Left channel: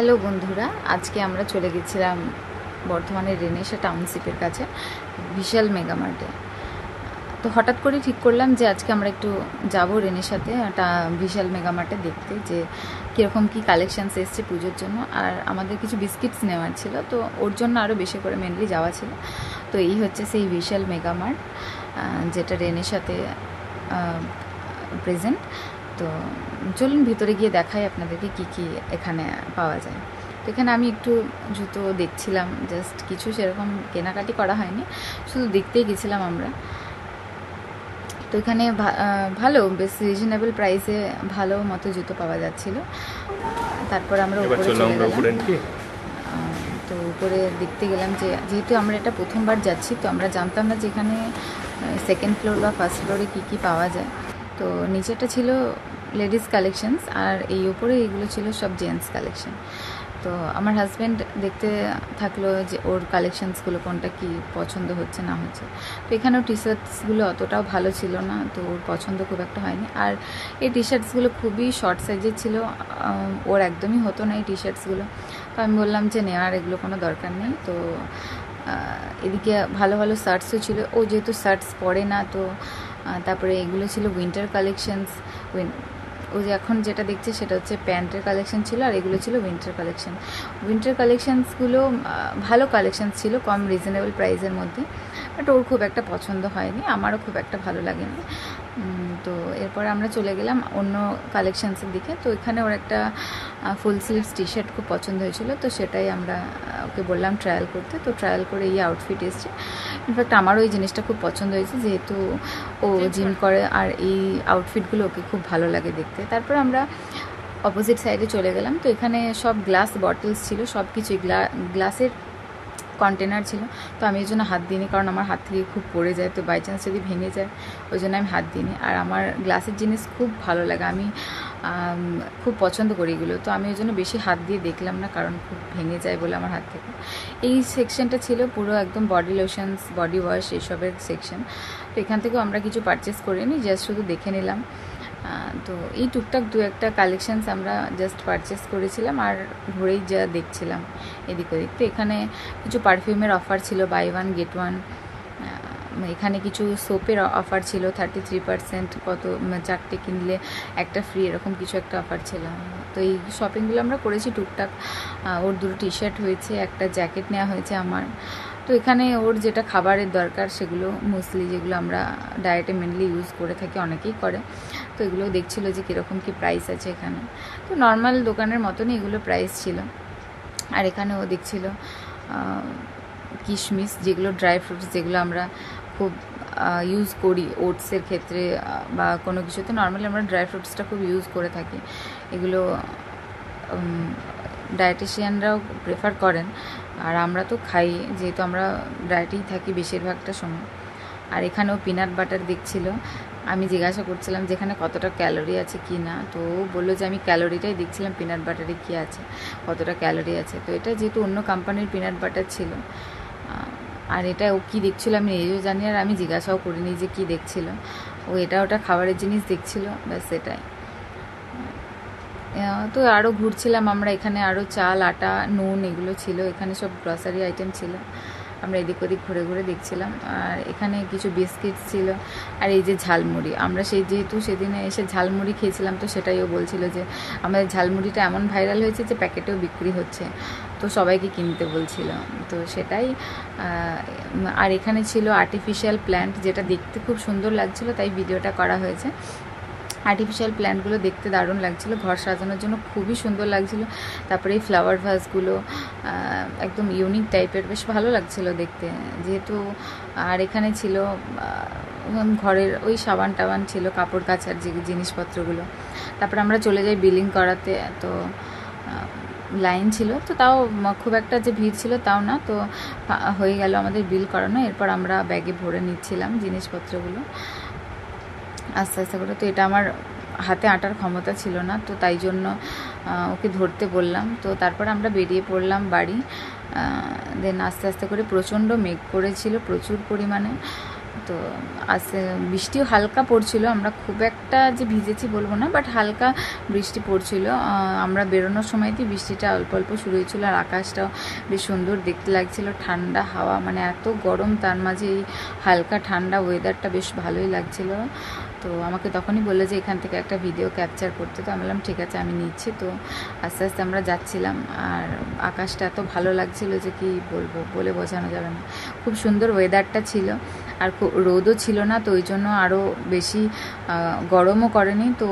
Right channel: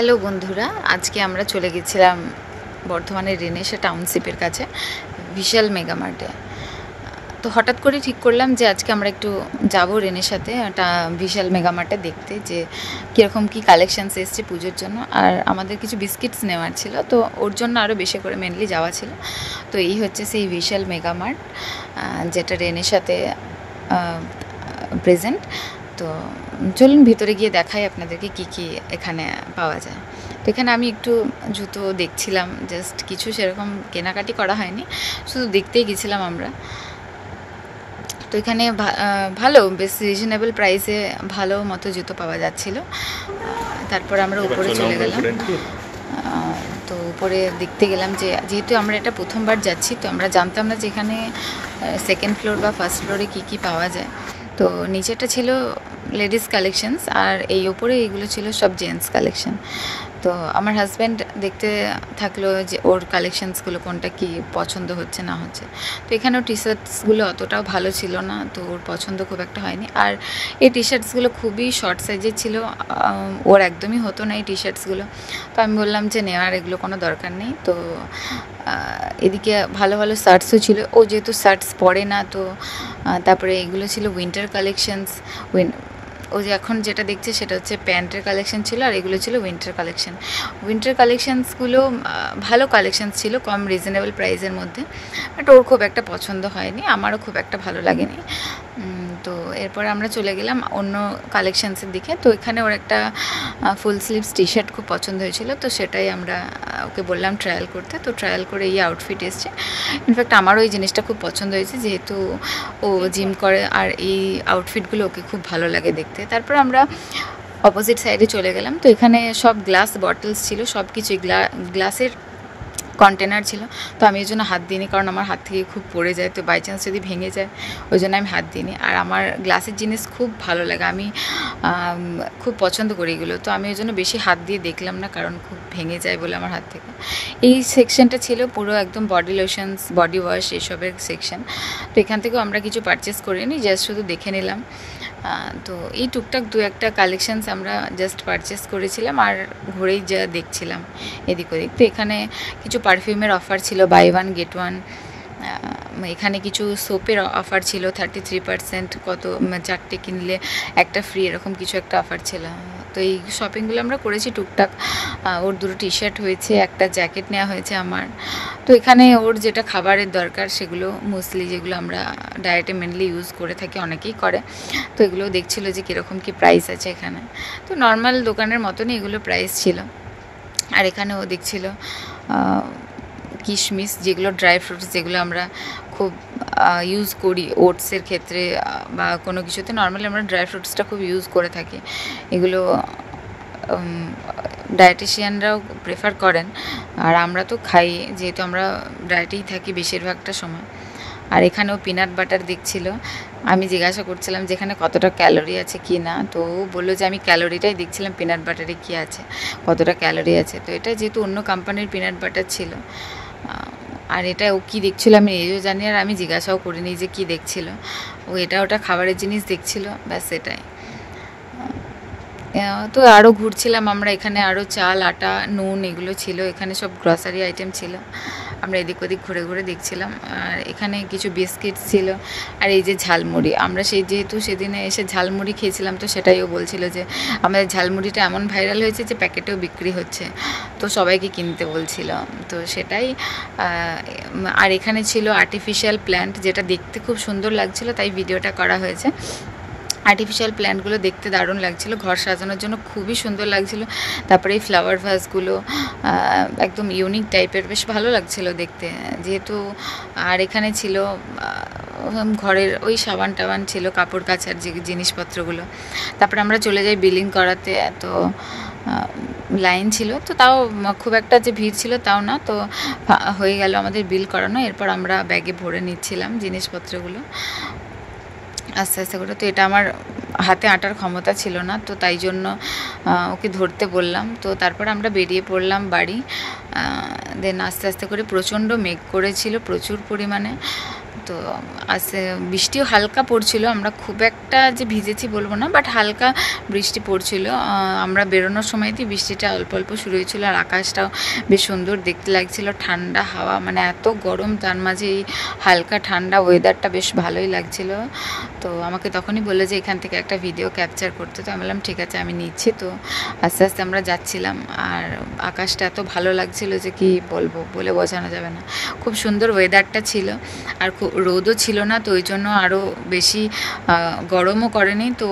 Hello বন্ধুরা, আজকে আমরা চলে গেছিলাম বর্ধমানের রেনেসা টাউনশিপের কাছে বিশাল মেগামার্টে। তো হঠাৎ করে ঠিক করলাম যে আজকে আমরা একটু যাব রেনেসাতে একটা বিশাল মেগামার্টে দেখতে যে কীরকম কী কালেকশানস এসছে পুজোর জন্য। আর আমাদের কিছু বিস্কিটস নেওয়ার ছিল, তো ওর জন্য আরও বেশি করে মেনলি যাওয়া ছিল। তো এই হচ্ছে সেই বিশাল মেগামার্ট, যেটা রেনেসাতে প্রেজেন্ট। তো চলুন ভিতরে গিয়ে দেখাই আপনাদেরকে কি কি এখানে পাওয়া যায়। তো এখানে আমি একটু জুতো দেখছিলাম, জাস্ট কিছু সেরকম কেনাকাটি করা হয়নি, শুধু দেখতেই গেছিলাম আমরা। তো এখানে ভালো, বেশ রিজনেবল প্রাইসে ভালো মতো জুতো পাওয়া যাচ্ছিল। তারপর আমরা উপরে চলে গেলাম। তো উপরে দেখতে গেলাম যে যেহেতু আমরা এটা প্রথমবার যাচ্ছি, তো আমরা জানতাম না যে এখানে সেকেন্ড ফ্লোর বা ফার্স্ট ফ্লোরে কী কী পাওয়া যায়। তো নিচেটা ছিল লেডিস কালেকশনস, আর এই ওপরে এইগুলো ছিল সব জেন্টস কালেকশন। তো আমার হাজব্যান্ড দেখতে থাকলো যে ওর কালেকশানসগুলো কোনটা কি পছন্দ হচ্ছে না হচ্ছে। তো এখানেও টি শার্টসগুলো অতটাও ভালো ছিল না, তো ওর পছন্দ খুব একটা হয়নি। আর এই টি শার্টসগুলো খুবই শর্ট সাইজের ছিল, ওর একদমই হতো না এই টি শার্টসগুলো। তো আমি বললাম যে নেওয়ার এগুলো কোনো দরকার নেই। তো এদিকে ভালো ভালো শার্টসও ছিল, ও যেহেতু শার্টস পরে না। তো তারপরে এগুলো ছিল উইন্টার কালেকশানস। ও যে এখন যেটা দেখছে সেটা হচ্ছে প্যান্টের কালেকশন ছিল, আর এগুলো ছিল উইন্টার কালেকশন। উইন্টার কালেকশানসগুলো ভালো কালেকশানস ছিল, কম রিজনেবল প্রাইসের মধ্যে। বাট ওর খুব একটা পছন্দ হয়নি, আমারও খুব একটা ভালো লাগেনি। তো এরপর আমরা চলে গেলাম অন্য কালেকশানসের দিকে। তো এখানে ওর একটা ফুল স্লিভস টি শার্ট খুব পছন্দ হয়েছিল, তো সেটাই আমরা ওকে বললাম ট্রায়াল করতে। তো ট্রায়াল করে এই আউটফিট এসছে। ইনফ্যাক্ট আমারও এই জিনিসটা খুব পছন্দ হয়েছে, যেহেতু ও জিম করে, আর এই আউটফিটগুলো ওকে খুব ভালো লাগে দেখতে। তারপর আমরা অপোজিট সাইডে চলে গেলাম। তো এখানে সব গ্লাস বটলস ছিল, সব কিছুই গ্লাসের কন্টেনার ছিল। তো আমি এই জন্য হাত দিইনি, কারণ আমার হাত থেকে খুব পড়ে যায়, তো বাই চান্স যদি ভেঙে যায় ওই জন্য আমি হাত দিইনি। আর আমার গ্লাসের জিনিস খুব ভালো লাগে, আমি খুব পছন্দ করি এগুলো। তো আমি ওই জন্য বেশি হাত দিয়ে দেখলাম না, কারণ খুব ভেঙে যায় বলে আমার হাত থেকে। এই সেকশনটা ছিল পুরো একদম বডি লোশনস, বডি ওয়াশ, এইসবের সেকশন। তো এখান থেকেও আমরা কিছু পারচেস করিনি, জাস্ট শুধু দেখে নিলাম। তো এই টুকটাক দু একটা কালেকশানস আমরা জাস্ট পারচেস করেছিলাম, আর ঘুরেই যা দেখছিলাম এদিক ওদিক। তো এখানে কিছু পারফিউমের অফার ছিল, বাই ওয়ান গেট ওয়ান। এখানে কিছু সোপের অফার ছিল 33%, কত 4টে কিনলে একটা ফ্রি, এরকম কিছু একটা অফার ছিল। তো এই শপিংগুলো আমরা করেছি টুকটাক। ওর 2টো টি শার্ট হয়েছে, একটা জ্যাকেট নেওয়া হয়েছে আমার। তো এখানে ওর যেটা খাবারের দরকার সেগুলো, মুসলি, যেগুলো আমরা ডায়েটে মেনলি ইউজ করে থাকি, অনেকেই করে। তো এগুলো দেখছিল যে কীরকম কী প্রাইস আছে এখানে। তো নর্মাল দোকানের মতনই এগুলো প্রাইস ছিল। আর এখানে ও দেখছিল কিশমিশ, যেগুলো ড্রাই ফ্রুটস, যেগুলো আমরা খুব ইউজ করি ওটসের ক্ষেত্রে বা কোনো কিছুতে। নর্মালি আমরা ড্রাই ফ্রুটসটা খুব ইউজ করে থাকি, এগুলো ডায়েটিশিয়ানরাও প্রেফার করেন, আর আমরা তো খাই, যেহেতু আমরা ডায়েটেই থাকি বেশিরভাগটা সময়। আর এখানেও পিনাট বাটার দেখছিল। আমি জিজ্ঞাসা করছিলাম যে এখানে কতটা ক্যালোরি আছে কি না, তো ও বললো যে আমি ক্যালোরিটাই দেখছিলাম, পিনাট বাটারে কী আছে, কতটা ক্যালোরি আছে। তো এটা যেহেতু অন্য কোম্পানির পিনাট বাটার ছিল, আর এটা ও কী দেখছিল আমি নিজেও জানি, আর আমি জিজ্ঞাসাও করিনি যে কী দেখছিল। ও এটা ওটা খাবারের জিনিস দেখছিল, ব্যাস এটাই। তো আরও ঘুরছিলাম আমরা, এখানে আরও চাল, আটা, নুন এগুলো ছিল, এখানে সব গ্রসারি আইটেম ছিল। আমরা এদিক ওদিক ঘুরে ঘুরে দেখছিলাম। আর এখানে কিছু বিস্কিট ছিল, আর এই যে ঝালমুড়ি, আমরা যেহেতু সেদিনে এসে ঝালমুড়ি খেয়েছিলাম, তো সেটাই ও বলছিল যে আমাদের ঝালমুড়িটা এমন ভাইরাল হয়েছে যে প্যাকেটেও বিক্রি হচ্ছে, তো সবাইকে কিনতে বলছিল। তো সেটাই। আর এখানে ছিল আর্টিফিশিয়াল প্ল্যান্ট, যেটা দেখতে খুব সুন্দর লাগছিল, তাই ভিডিওটা করা হয়েছে। আর্টিফিশিয়াল প্ল্যান্টগুলো দেখতে দারুণ লাগছিলো, ঘর সাজানোর জন্য খুবই সুন্দর লাগছিলো। তারপরে এই ফ্লাওয়ার ভাসগুলো একদম ইউনিক টাইপের, বেশ ভালো লাগছিলো দেখতে যেহেতু। আর এখানে ছিল ঘরের ওই সাবান টাবান ছিল, কাপড় কাচার যে জিনিসপত্রগুলো। তারপরে আমরা চলে যাই বিলিং করাতে। তো লাইন ছিল, তো তাও খুব একটা যে ভিড় ছিল তাও না। তো হয়ে গেল আমাদের বিল করানো। এরপর আমরা ব্যাগে ভরে নিচ্ছিলাম জিনিসপত্রগুলো আস্তে আস্তে করে। তো এটা আমার হাতে আঁটার ক্ষমতা ছিল না, তো তাই জন্য ওকে ধরতে বললাম। তো তারপর আমরা বেরিয়ে পড়লাম বাড়ি। দেন আস্তে আস্তে করে, প্রচণ্ড মেঘ করেছিল প্রচুর পরিমাণে। তো আজকে বৃষ্টিও হালকা পড়ছিল, আমরা খুব একটা যে ভিজেছি বলবো না, বাট হালকা বৃষ্টি পড়ছিল। আমরা বেরোনোর সময়তেই বৃষ্টিটা অল্প অল্প শুরু হয়েছিল, আর আকাশটাও বেশ সুন্দর দেখতে লাগছিল, ঠান্ডা হাওয়া, মানে এত গরম তার মাঝে এই হালকা ঠান্ডা ওয়েদারটা বেশ ভালোই লাগছিল। তো আমাকে তখনই বললো যে এখান থেকে একটা ভিডিও ক্যাপচার করতে, তো আমি বললাম ঠিক আছে আমি নিচ্ছি। তো আস্তে আস্তে আমরা যাচ্ছিলাম, আর আকাশটা এত ভালো লাগছিল যে কি বলবো, বলে বোঝানো যাবে না। খুব সুন্দর ওয়েদারটা ছিল, আর রোদও ছিল না, তো ওই জন্য আরও বেশি গরমও করেনি, তো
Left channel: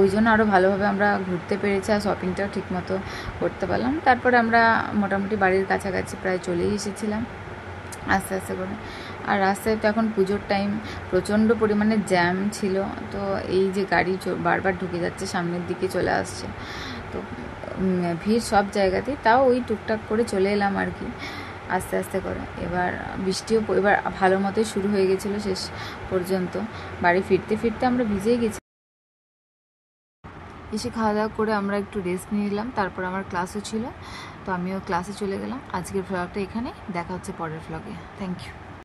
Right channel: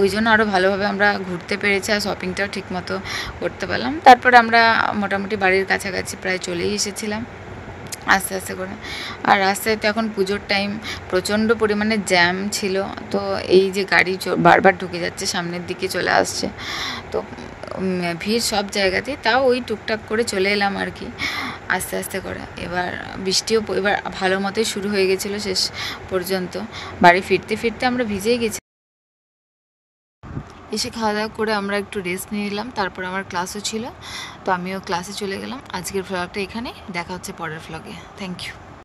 ওই জন্য আরও ভালোভাবে আমরা ঘুরতে পেরেছি, আর শপিংটাও ঠিকমতো করতে পারলাম। তারপর আমরা মোটামুটি বাড়ির কাছাকাছি প্রায় চলেই এসেছিলাম আস্তে আস্তে করে। আর রাস্তায় তো এখন পুজোর টাইম, প্রচণ্ড পরিমাণে জ্যাম ছিল, তো এই যে গাড়ি বারবার ঢুকে যাচ্ছে, সামনের দিকে চলে আসছে, তো ভিড় সব জায়গাতেই, তাও ওই টুকটাক করে চলে এলাম আর কি আস্তে আস্তে করে। এবার বৃষ্টিও এবার ভালো মতোই শুরু হয়ে গেছিলো, শেষ পর্যন্ত বাড়ি ফিরতে ফিরতে আমরা ভিজেই গেছি। এসে খাওয়া দাওয়া করে আমরা একটু রেস্ট নিয়ে নিলাম, তারপর আমার ক্লাসও ছিল, তো আমিও ক্লাসে চলে গেলাম। আজকের ভ্লগটা এখানে, দেখা হচ্ছে পরের ভ্লগে। Thank you.